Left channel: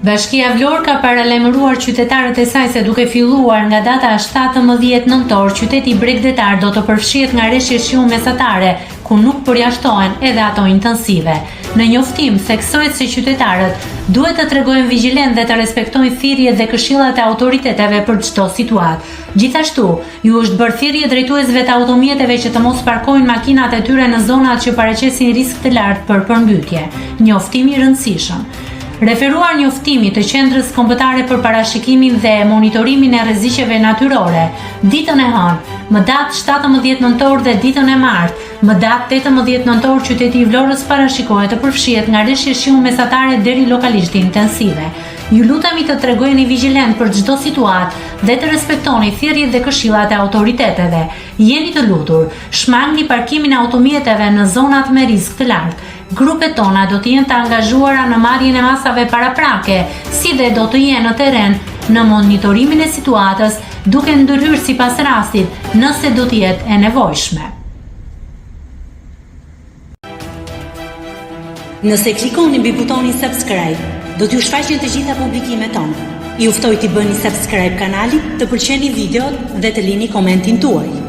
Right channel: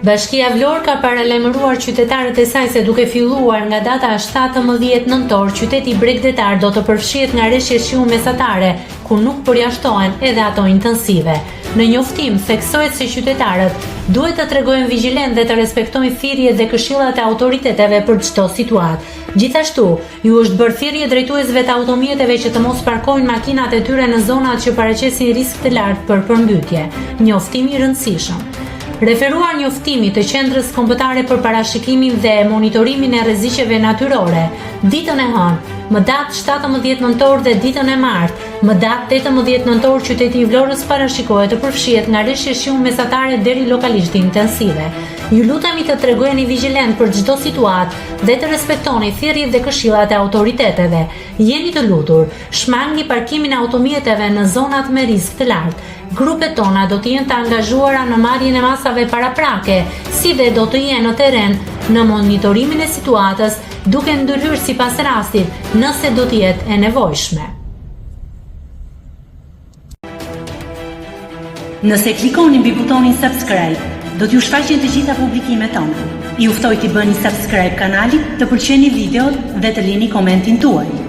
Bashkia Vlorë ka paralajmëruar qytetarët e saj se duke filluar nga data 17 nëntor, qyteti bregdetar do të përfshihet nga rreshje shiu mesatare, ku nuk përjashtohen edhe ato intensive. Në njoftim theksohet se qytetarët duhet të tregojnë vigjilent dhe të respektojnë thirrjet dhe këshillat e autoriteteve për çdo situatë. Gjithashtu, ju është bërë thirrje drejtuesve të automjeteve që të mos parkojnë makinat e tyre në zonat që paraqesin risk të lartë për përmbytje. Njoftim i rëndësishëm. Referuar njoftimi të Qendrës Kombëtare për Parashikimin dhe Monitorimin e Rreziqeve Natyrore, ditën e hënë, më datë 17 nëntor dhe ditën e martë, më datë 18 nëntor, qyteti i Vlorës parashikohet të përfshihet nga rreshje shiu mesatare deri lokalisht intensive. Ju lutemi të tregojeni vigjilent për çdo situatë dhe të respektoni thirrjet dhe këshillat e autoriteteve. Jeni të lutur, shmangni parkimin e automjeteve në zonat me risk të lartë. Grupet tona do të jenë të angazhuara në marrjen e masave paraprake, si dhe do të jenë në terren në monitorimin e situatës, duke ndërhyrë sipas rastit nëse do të jetë e nevojshme. Nëse klikoni mbi butonin subscribe, do t'ju shfaqen të gjitha publikimet tona. Ju ftoj t'i bëni subscribe kanalit, të pëlqeni videot dhe të lini komentin tuaj.